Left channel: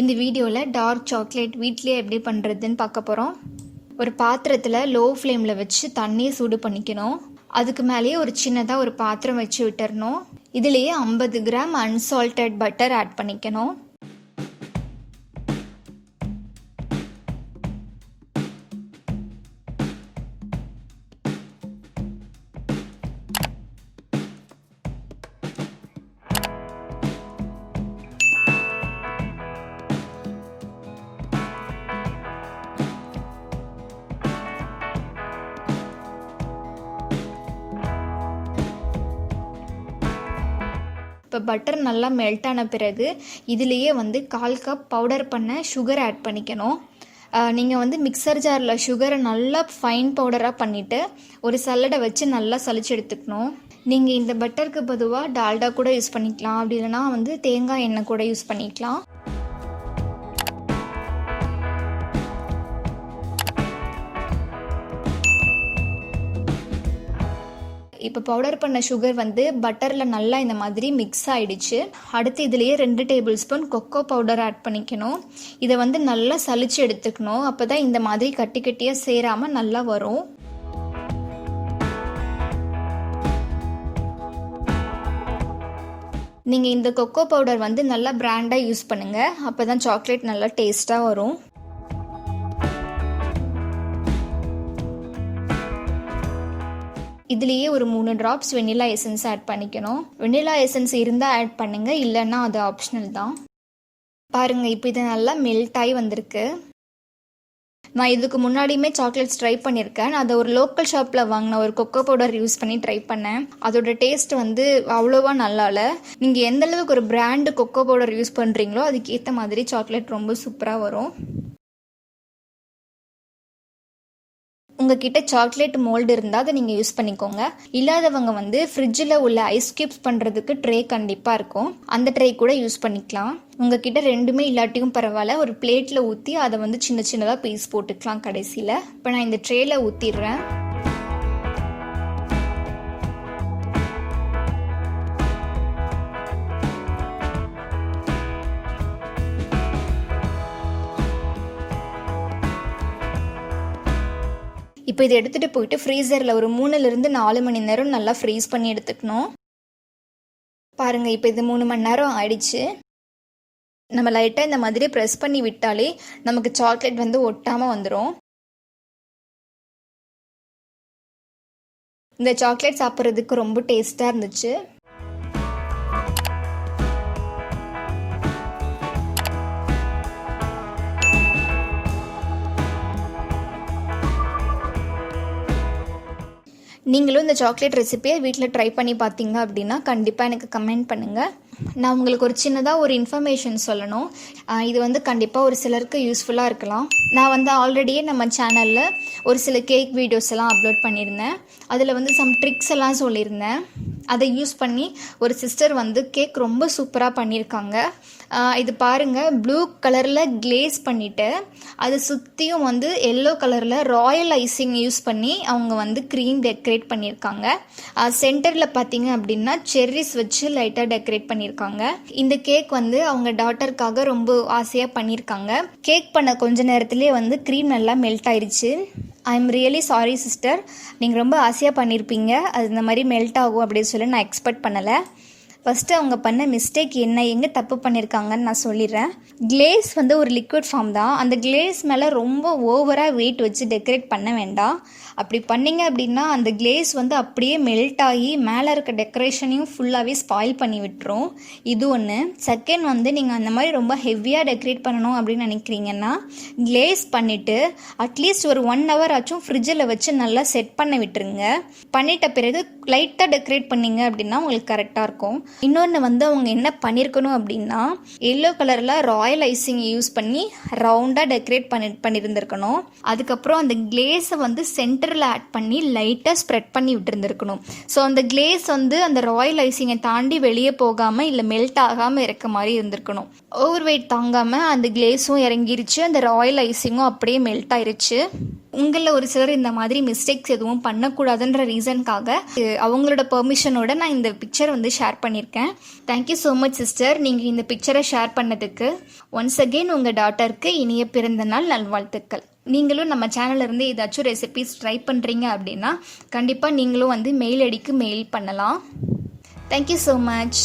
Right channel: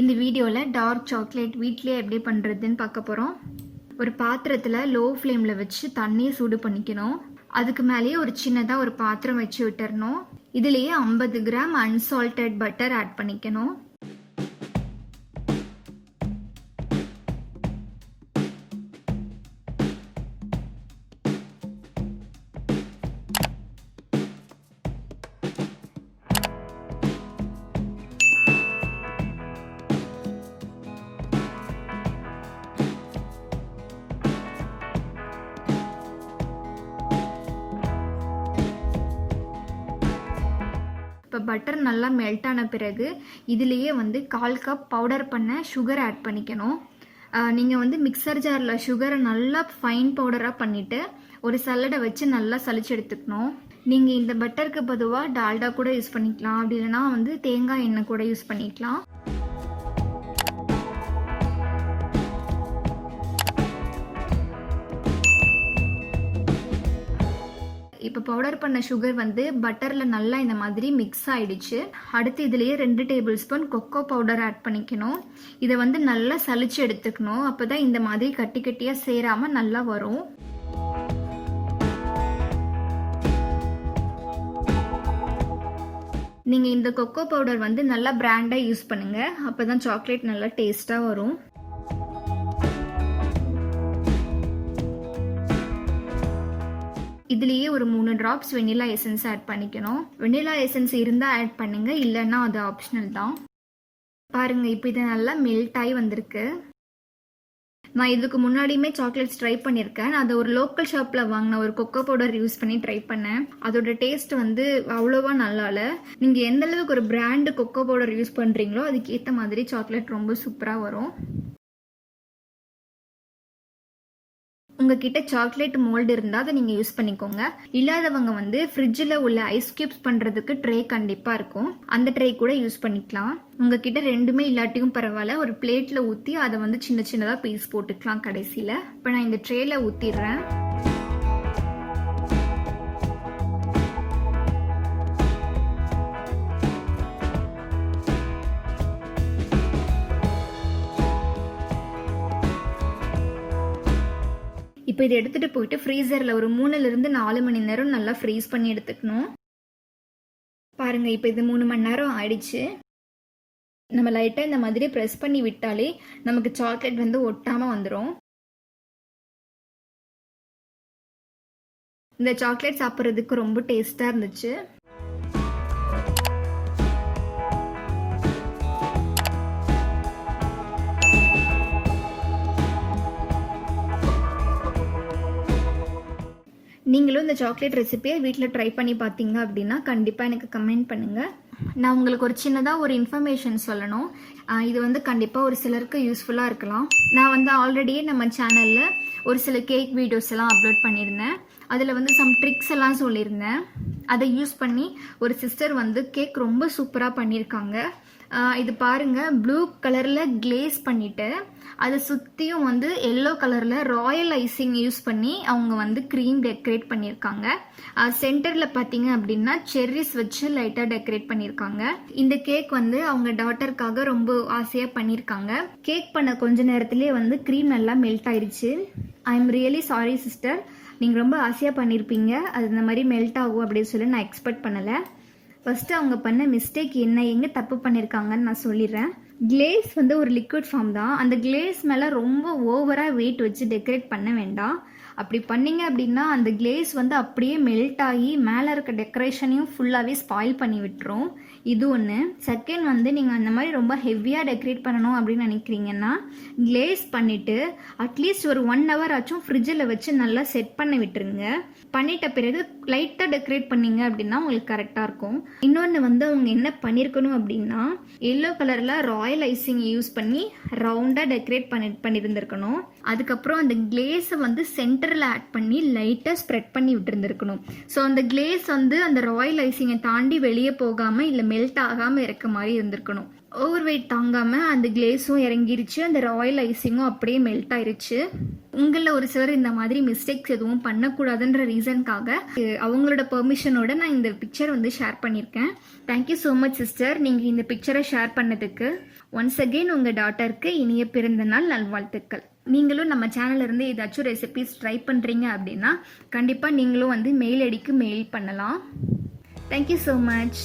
இந்த வீடியோவில் dark chocolate வீட்லேயே எப்படி பண்ணுறதுன்னு பார்க்க போகிறோம். ஒரு பாத்திரத்தில் லோ ஃப்ளேமில் வச்சு தண்ணியை சூடு பண்ணிக்கணும். அதுக்கு மேலேயே ஒரு சின்னதாக ஒரு பாத்திரம் வச்சு விட்டுறணும். இதுலேயே 50 கிராம் அன்சால்டட் பட்டர் ஆட் பண்ணிக்கணும். இப்போ பட்டர் நல்லா மெல்ட் ஆன பிறகு இதுலேயே 1/4 கப் பவுடர் பண்ண சுகர் ஆட் பண்ணிக்கணும். நீங்கள் மிக்சர் ஜாரில் சுகரை நல்லா ஃபைன் பவுடராக பண்ணிவிட்டு ஒரு சல்லடை வச்சு நல்லா சலிச்சு எடுத்துக்கணும். நீங்கள் இந்த பட்டருக்கு பொதுவாக டால்டா கூட யூஸ் பண்ணிக்கலாம், அப்படி இல்லைனா தேங்காய் எண்ணெய் கூட யூஸ் பண்ணிக்கலாம். இப்போ பவுடர் பண்ண சுகர் பட்டரில் நல்லா இந்த மாதிரி மிக்ஸ் ஆகிடுச்சு. அடுத்து இதுலேயே 2 tablespoon cocoa powder add பண்ணிக்கணும். இதை நல்லா சலிச்சு எடுத்துக்கணும். அப்போ தான் இந்த மாதிரி கட்டி கட்டியாக சேராமல் நல்லா வரும். நீங்கள் இந்த கொக்கோ பவுடர் நல்லா பிராண்டாக யூஸ் பண்ணுங்கள். அப்போ தான் சாக்லேட் நல்லா டேஸ்ட்டாக வரும். இதுலேயே ஒரு 3 ட்ராப்ஸ் வெண்ணிலா எசன்ஸ் ஆட் பண்ணிக்கணும். வெண்ணிலா எசன்ஸ் இருந்தால் ஆட் பண்ணுங்கள், இல்லைன்னா அது ஆப்ஷனல் தான். பாருங்கள், இப்போ இது நல்லா மெல்ட் ஆகி வந்திருக்கு. நான் இதுக்கு முன்னாடியுமே சாக்லேட்ஸ் ட்ரை பண்ணியிருக்கேன். அதை ஒரு லோக்கல் ஷாப்பில் வாங்கின ஒரு கொக்கோ பவுடர் யூஸ் பண்ணி ட்ரை பண்ணேன். அதோட டேஸ்ட் அவ்வளோவா நல்லா இல்லை. நீங்கள் எந்த அளவுக்கு ஒரு பிராண்டு கொக்கோ பவுடர் யூஸ் பண்ணுறீங்களோ அதுக்கு ஏற்ற மாதிரி சாக்லேட் ரொம்ப சூப்பராக வரும். உங்ககிட்ட சாக்லேட் மோல்டு இருந்தால் அதை நீங்கள் யூஸ் பண்ணிக்கோங்க. இல்லாதவங்க ஃப்ரிட்ஜில் உள்ள ஐஸ் க்யூப்ஸ் பண்ணுறதுக்கு ட்ரே கண்டிப்பாக இருக்கும், அந்த ட்ரே கூட யூஸ் பண்ணிக்கலாம். உங்ககிட்ட ரெண்டுமே இல்லாட்டியும் பரவாயில்ல, ஒரு பிளேட்டில் ஊற்றி அதை சின்ன சின்னதாக பீஸ் போட்டுக்கலாம் கடைசியில். இப்போ நான் இந்த ட்ரேயில் ஊற்றிடுறேன். இப்போ இதை எடுத்துகிட்டு போயிட்டு ஃப்ரீசரில் ஒரு 3லிருந்து 4 மணி நேரம் நல்லா ஃப்ரீஸ் பண்ணி எடுத்துக்கணும். பாருங்கள், இப்போ இது 3 மணி நேரம் ஆயிடுச்சு. நம்ம லைட்டாக இந்த மாதிரி ப்ரெஸ் பண்ணி விட்டாலே நமக்கு சாக்லேட் ஒட்டாமல் வந்துடும். இந்த சாக்லேட் சாப்பிட்றதுக்கு ரொம்ப டேஸ்ட்டாக இருந்துச்சு. நீங்களும் இந்த சாக்லேட் ரெசிபியை வீட்டில் ட்ரை பண்ணி பார்த்தீங்க அப்படின்னா கண்டிப்பாக எனக்கு கமெண்ட் பண்ணுங்கள். நான் உங்களுக்கு ஒரு சின்னதாக ஒரு இன்ஃபர்மேஷன் சொல்லணும். இது கண்டிப்பாக ஒரு சிலருக்கு யூஸ்ஃபுல்லாக இருக்கலாம். நான் ஆல்ரெடியே நம்ம சேனலில் ஒரு சில கேக் வீடியோஸ் எல்லாம் அப்லோட் பண்ணியிருந்தேன். அதில் சம் ட்ரிக்ஸ் எல்லாம் சொல்லியிருந்தேன். அதை யூஸ் பண்ணி ஒரு சிஸ்டர் கேக் ரொம்ப சூப்பராக பண்ணியிருக்காங்க. இது பாருங்கள், ப்ளூ கலரில் கிளேஸ் பண்ணிவிட்டு அதை சுற்றியும் எல்லோ கலரில் ராயல் ஐசிங் யூஸ் பண்ணி அவங்க க்ரீம் டெக்கரேட் பண்ணியிருக்காங்க. சென்டரில் பார்த்தீங்க அப்படின்னா செர்ரிஸ் வச்சு லைட்டாக டெக்கரேட் பண்ணியிருக்காங்க. இந்த கேக் அவங்க டாட்டருக்காக ரொம்ப ஆசையாக பண்ணியிருக்காங்க. கேக் பண்ண கொஞ்ச நேரத்துலேயே க்ரீம் நல்லா மெல்ட் ஆயிடுச்சு. I am really sorry sister, நீங்கள் ரொம்ப ஆசையாக பண்ணியிருப்பீங்க, அது இந்த மாதிரி மெல்ட் ஆகும் அப்படின்னு சொல்லி நான் எக்ஸ்பெக்ட் பண்ணலை. ஃபஸ்ட்டு அவங்க பண்ண மிஸ்டேக் என்ன, எங்கே தப்பு பண்ணியிருக்காங்கன்னு நான் சொல்லிடுறேன். கிளேஸ் ஒரு லிக்விட் ஃபார்ம் தான். அந்த கிளேஸ் மேலே ரொம்ப ஓவராக வெயிட் வச்சு டெக்கரேட் பண்ண வேண்டாம். அப்படி பண்ணிங்க அப்படின்னா அந்த கிளேஸ் அப்படியே மெல்ட் ஆகி மேலே இருக்க டெக்கரேஷனையும் ஃபுல்லாகவே ஸ்பாயில் பண்ணி விட்டுரும். இது ஒன்று. செகண்ட் நீங்கள் அந்த மாதிரி ரொம்ப ஹெவியாக டெக்கரேட் பண்ணணும் அப்படின்னு நினைக்கிறீங்கன்னா கிளேஸ் பண்ணிவிட்டு அட்லீஸ்ட் ஒரு 1 hour ஆச்சும் ஃப்ரிட்ஜில் வச்சு நல்லா செட் பண்ண விட்டுருங்க. பண்ணிட்ட பிறகு லைட்டாக டெக்கரேட் பண்ணிங்க அப்படின்னா உங்களுக்கு கரெக்டாக இருக்கும். இன்னொன்று அவங்க என்ன பண்ணியிருக்கணும் அப்படின்னா எல்லோ கலரில் ராயல் ஐசிங் யூஸ் பண்ணி ரவுண்டாக டெக்கரேட் பண்ணியிருந்திருக்கணும். அதுக்கப்புறம் அந்த கிளேஸை சென்டரில் ஆட் பண்ணி லைட்டாக ஸ்ப்ரெட் பண்ணி விட்டுருந்துருக்கணும். ஸோ அந்த கிளேஸ் அந்த ராயல் ஐசிங்கை தாண்டி வெளியே போகாமல் இல்லை மெல்ட் ஆகாமல் இருக்க மாதிரி இருந்திருக்கணும். ஓவர் வெயிட் தாங்காமல் அந்த கிளேஸும் இறங்கிருச்சு, அந்த ராயல் ஐசிங்கும் அப்படியே மெல்ட் ஆயிருச்சு. உங்களில் ஒரு சிலர் இந்த மாதிரி மிஸ்டேக்ஸ் எதுவும் பண்ணக்கூடாதுன்ற ரீசனுக்காக அவங்களோட பெர்மிஷனோட நான் இந்த பிக்சரை வந்து ஷேர் பண்ணியிருக்கேன். தேங்க்யூ ஸோ மச் சிஸ்டர், நீங்கள் இந்த பிக்சரை ஷேர் பண்ணதுக்கு. ஒன்ஸ் அகெயின் உங்கள் டாட்டருக்கு இனிய பிறந்த நாள் நல்வாழ்த்துக்கள். நீங்களும் நம்ம சேனல்ல இருந்து ஏதாச்சும் ரெசிபிஸ் ட்ரை பண்ணுறீங்க அப்படின்னா கண்டிப்பாக நீங்களும் வந்து மெயில் ஐடிக்கு மெயில் பண்ணலாம். Thank you so much.